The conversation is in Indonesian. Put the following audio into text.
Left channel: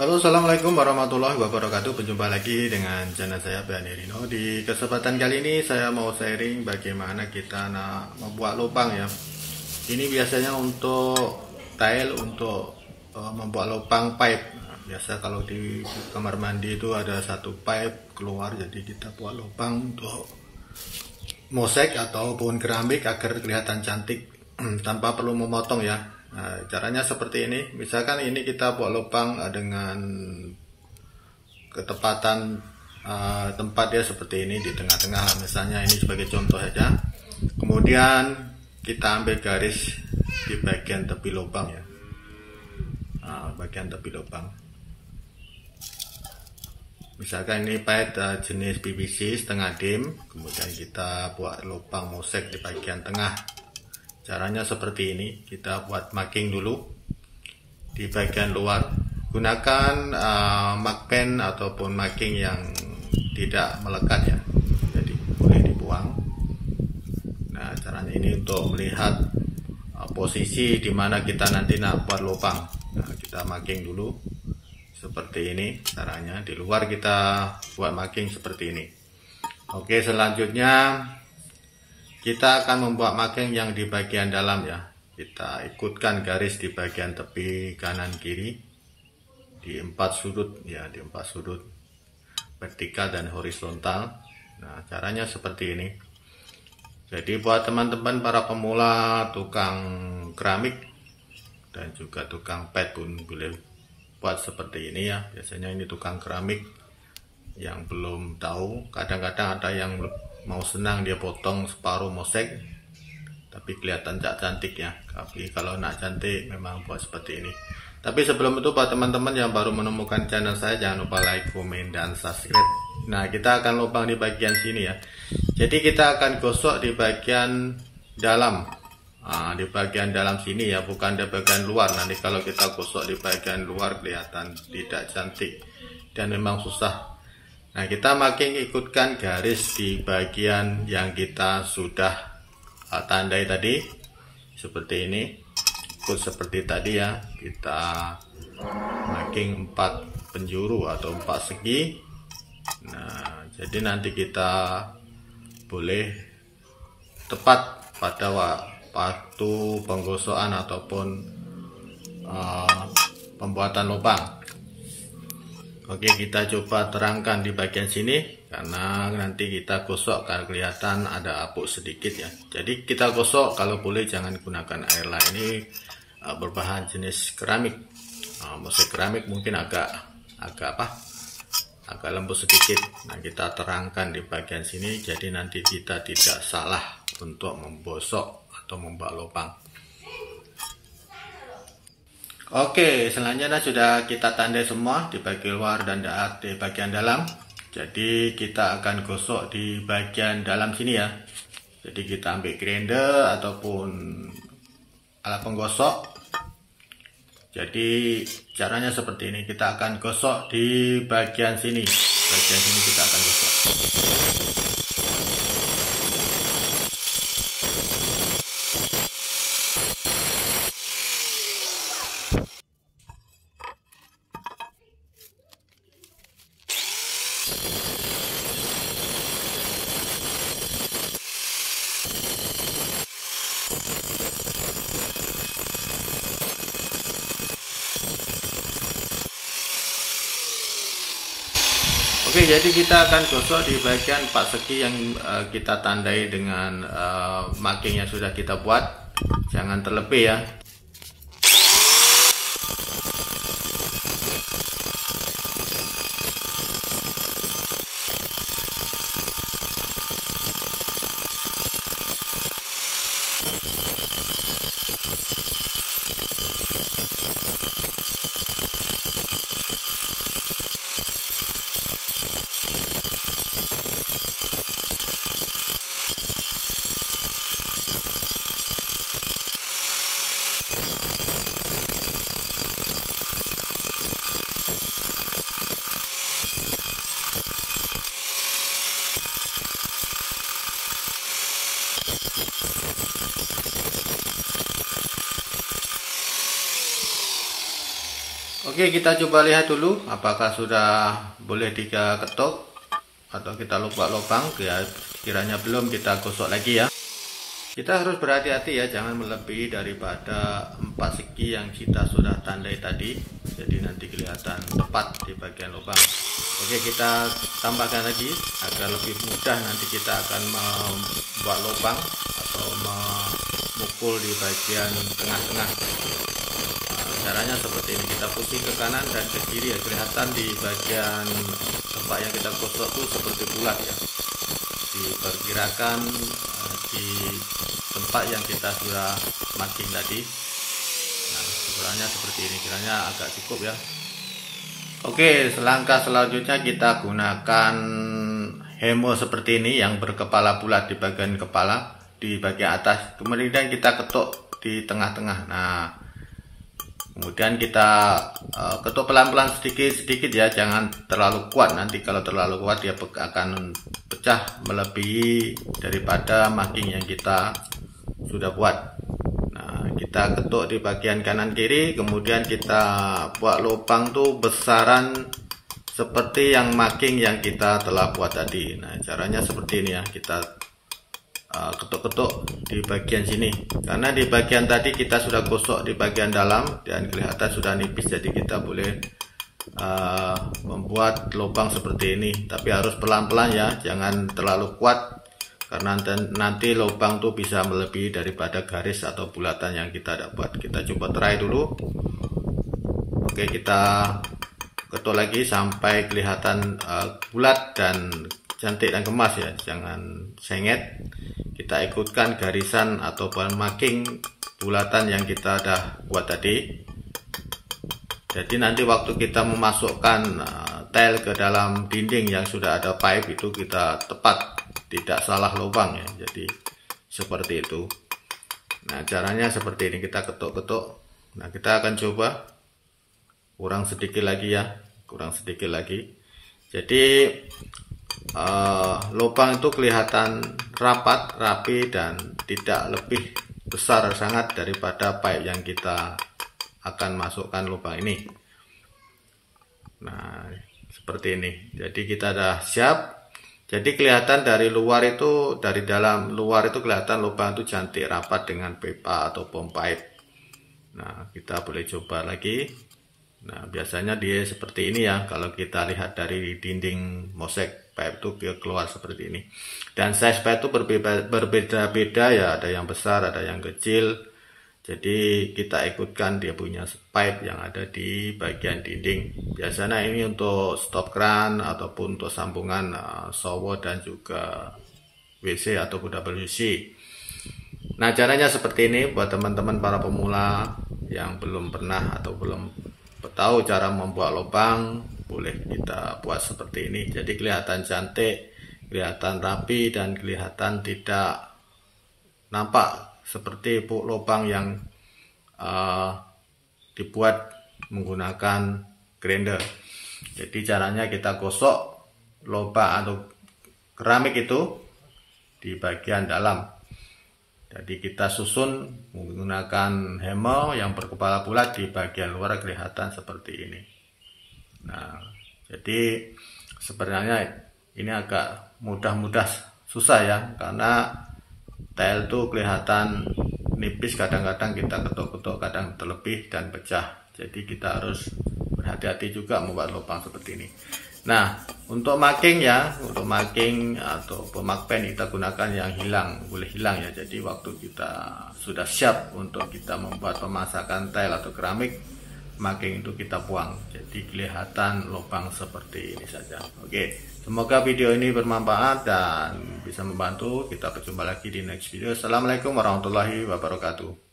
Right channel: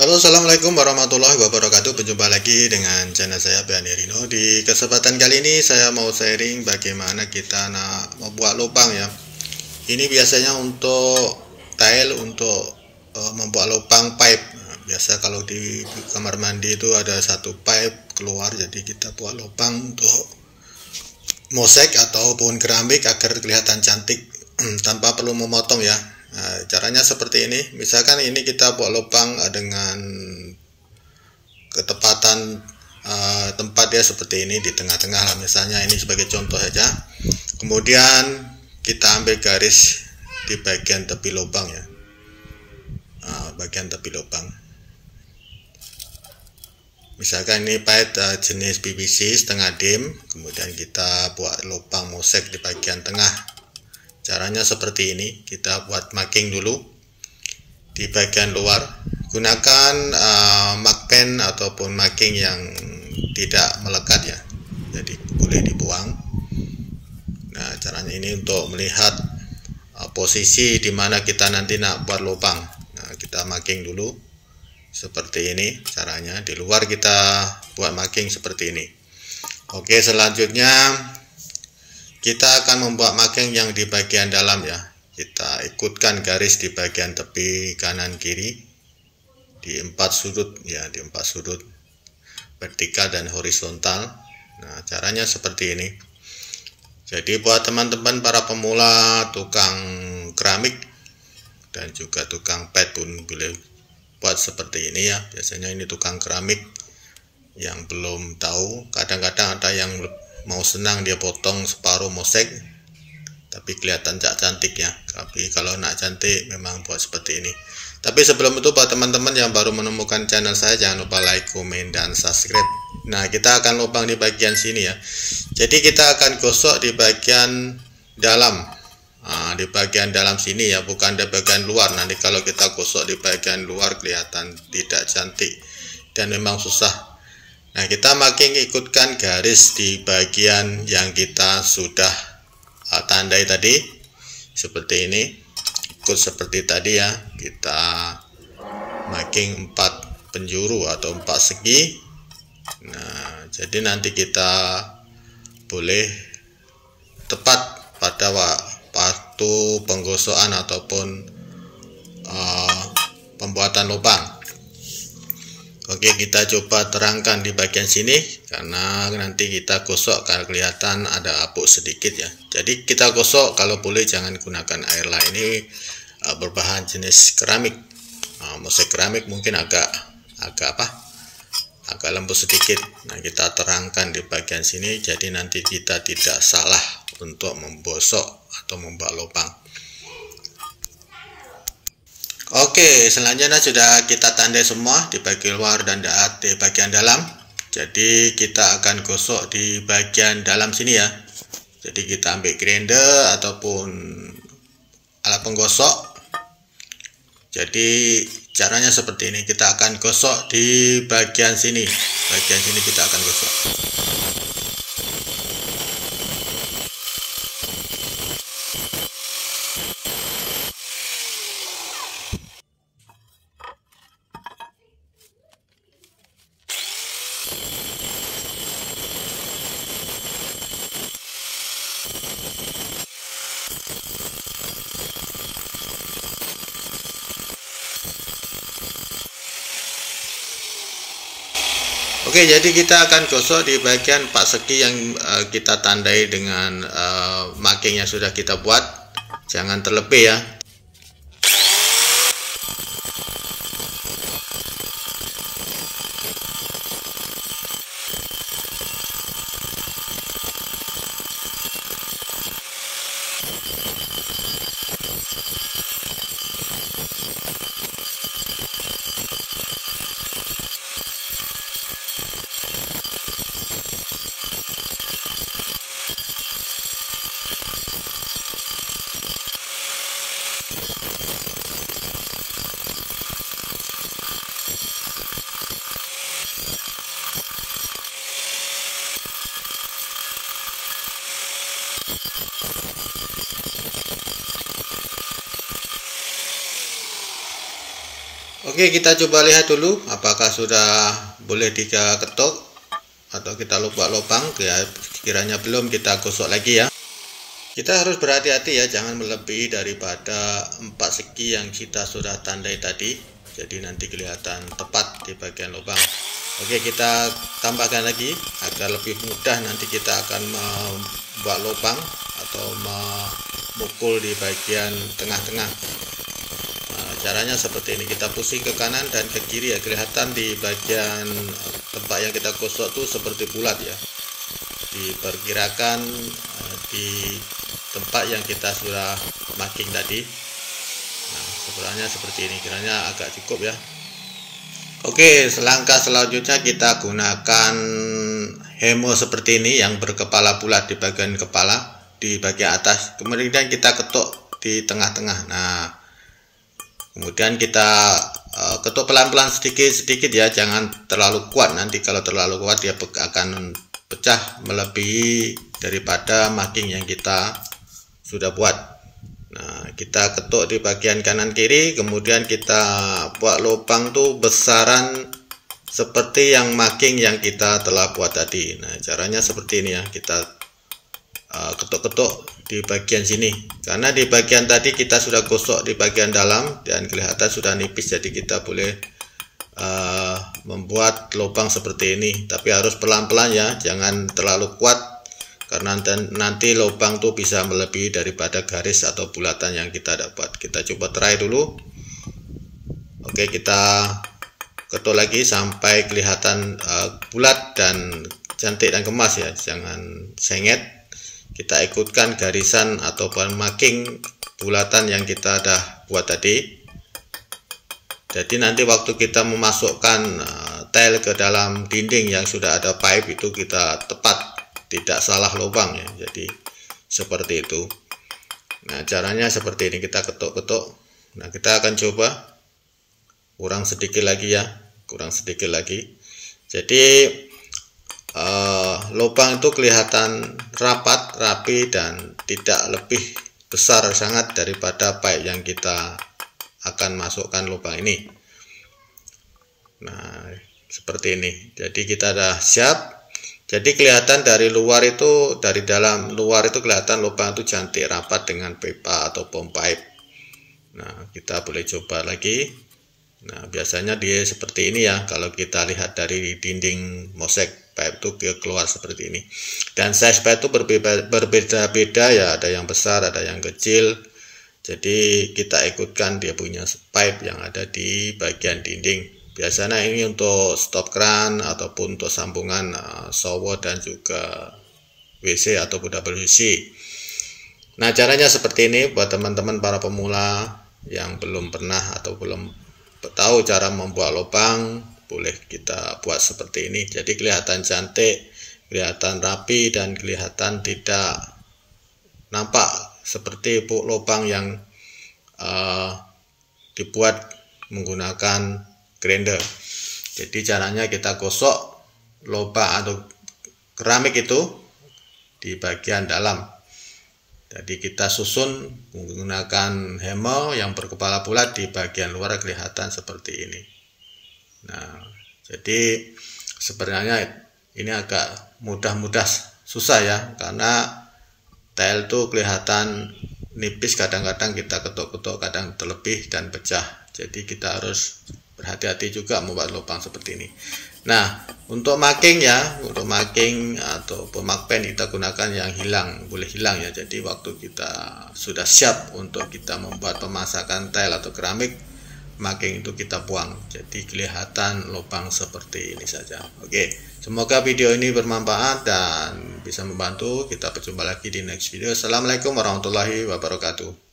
Halo, assalamualaikum warahmatullahi wabarakatuh. Berjumpa lagi dengan channel saya Bani Rino. Di kesempatan kali ini saya mau sharing bagaimana kita membuat lubang ya. Ini biasanya untuk tile, untuk membuat lubang pipe. Nah, biasa kalau di kamar mandi itu ada satu pipe keluar, jadi kita buat lubang untuk mosaik ataupun keramik agar kelihatan cantik tanpa perlu memotong ya. Nah, caranya seperti ini. Misalkan ini kita buat lubang dengan ketepatan tempat dia seperti ini di tengah-tengah lah, misalnya ini sebagai contoh saja. Kemudian kita ambil garis di bagian tepi lubang ya, bagian tepi lubang. Misalkan ini pipe jenis PVC setengah dim, kemudian kita buat lubang mosaik di bagian tengah. Caranya seperti ini, kita buat marking dulu di bagian luar. Gunakan markpen ataupun marking yang tidak melekat ya, jadi boleh dibuang. Nah, caranya ini untuk melihat posisi di mana kita nanti nak buat lubang. Nah, kita marking dulu seperti ini caranya. Di luar kita buat marking seperti ini. Oke, selanjutnya kita akan membuat marking yang di bagian dalam ya. Kita ikutkan garis di bagian tepi kanan kiri di 4 sudut ya, di 4 sudut vertikal dan horizontal. Nah, caranya seperti ini. Jadi buat teman-teman para pemula tukang keramik dan juga tukang pet pun boleh buat seperti ini ya. Biasanya ini tukang keramik yang belum tahu, kadang-kadang ada yang mau senang dia potong separuh mosaik tapi kelihatan cantik ya. Tapi kalau nak cantik memang buat seperti ini. Tapi sebelum itu buat teman-teman yang baru menemukan channel saya, jangan lupa like, komen, dan subscribe. Nah, kita akan lubang di bagian sini ya. Jadi kita akan gosok di bagian dalam. Nah, di bagian dalam sini ya, bukan di bagian luar. Nanti kalau kita gosok di bagian luar kelihatan tidak cantik dan memang susah. Nah, kita marking ikutkan garis di bagian yang kita sudah tandai tadi seperti ini. Ikut seperti tadi ya, kita marking 4 penjuru atau 4 segi. Nah, jadi nanti kita boleh tepat pada waktu penggosokan ataupun pembuatan lubang. Oke, kita coba terangkan di bagian sini karena nanti kita gosok kalau kelihatan ada apuk sedikit ya. Jadi kita gosok kalau boleh jangan gunakan air lah. Ini berbahan jenis keramik. Mosaik keramik mungkin agak lembut sedikit. Nah, kita terangkan di bagian sini jadi nanti kita tidak salah untuk membosok atau membuat lubang. Oke, selanjutnya sudah kita tandai semua di bagian luar dan di bagian dalam. Jadi kita akan gosok di bagian dalam sini ya. Jadi kita ambil grinder ataupun alat penggosok. Jadi caranya seperti ini, kita akan gosok di bagian sini. Bagian sini kita akan gosok. Oke, jadi kita akan gosok di bagian 4 segi yang kita tandai dengan marking yang sudah kita buat. Jangan terlebih ya. Oke, kita coba lihat dulu apakah sudah boleh diketok atau kita lupa lubang. Ya, kiranya belum, kita gosok lagi ya. Kita harus berhati-hati ya, jangan melebihi daripada 4 segi yang kita sudah tandai tadi. Jadi nanti kelihatan tepat di bagian lubang. Oke, kita tambahkan lagi agar lebih mudah nanti kita akan membuat lubang atau memukul di bagian tengah-tengah. Nah, caranya seperti ini, kita pusing ke kanan dan ke kiri ya, kelihatan di bagian tempat yang kita gosok tuh seperti bulat ya. Diperkirakan di tempat yang kita sudah marking tadi. Nah, sebenarnya seperti ini, kiranya agak cukup ya. Oke, selangkah selanjutnya kita gunakan hemo seperti ini yang berkepala bulat di bagian kepala, di bagian atas. Kemudian kita ketuk di tengah-tengah. Nah, kemudian kita ketuk pelan-pelan sedikit-sedikit ya, jangan terlalu kuat. Nanti kalau terlalu kuat dia akan pecah melebihi daripada marking yang kita sudah buat. Nah, kita ketuk di bagian kanan kiri, kemudian kita buat lubang tuh besaran seperti yang marking yang kita telah buat tadi. Nah, caranya seperti ini ya, kita ketuk-ketuk di bagian sini, karena di bagian tadi kita sudah gosok di bagian dalam dan kelihatan sudah nipis, jadi kita boleh membuat lubang seperti ini, tapi harus pelan-pelan ya, jangan terlalu kuat karena nanti lubang tuh bisa melebihi daripada garis atau bulatan yang kita dapat. Kita coba try dulu. Oke, kita ketuk lagi sampai kelihatan bulat dan cantik dan kemas ya, jangan sengit. Kita ikutkan garisan ataupun marking bulatan yang kita dah buat tadi. Jadi nanti waktu kita memasukkan tile ke dalam dinding yang sudah ada pipe itu kita tepat, tidak salah lubang ya. Jadi seperti itu. Nah, caranya seperti ini, kita ketuk-ketuk. Nah, kita akan coba kurang sedikit lagi ya, kurang sedikit lagi. Jadi lubang itu kelihatan rapat, rapi dan tidak lebih besar sangat daripada pipe yang kita akan masukkan lubang ini. Nah, seperti ini. Jadi kita dah siap. Jadi kelihatan dari luar itu, dari dalam luar itu kelihatan lubang itu cantik rapat dengan pipa atau pompa pipe. Nah, kita boleh coba lagi. Nah, biasanya dia seperti ini ya, kalau kita lihat dari dinding mosek pipe itu dia keluar seperti ini. Dan size pipe itu berbeda-beda ya, ada yang besar, ada yang kecil. Jadi kita ikutkan dia punya pipe yang ada di bagian dinding. Biasanya ini untuk stop kran ataupun untuk sambungan shower dan juga WC atau WC. Nah, caranya seperti ini buat teman-teman para pemula yang belum pernah atau belum tahu cara membuat lubang, boleh kita buat seperti ini. Jadi kelihatan cantik, kelihatan rapi dan kelihatan tidak nampak seperti lubang yang dibuat menggunakan grinder. Jadi caranya kita gosok lubang atau keramik itu di bagian dalam. Jadi kita susun menggunakan hemo yang berkepala bulat di bagian luar, kelihatan seperti ini. Nah, jadi sebenarnya ini agak mudah susah ya, karena tile itu kelihatan nipis, kadang-kadang kita ketuk-ketuk, kadang terlebih dan pecah. Jadi kita harus berhati-hati juga membuat lubang seperti ini. Nah, untuk marking ya, untuk marking atau pemakpen kita gunakan yang hilang, boleh hilang ya. Jadi waktu kita sudah siap untuk kita membuat pemasakan tile atau keramik, marking itu kita buang. Jadi kelihatan lubang seperti ini saja. Oke, semoga video ini bermanfaat dan bisa membantu. Kita berjumpa lagi di next video. Assalamualaikum warahmatullahi wabarakatuh.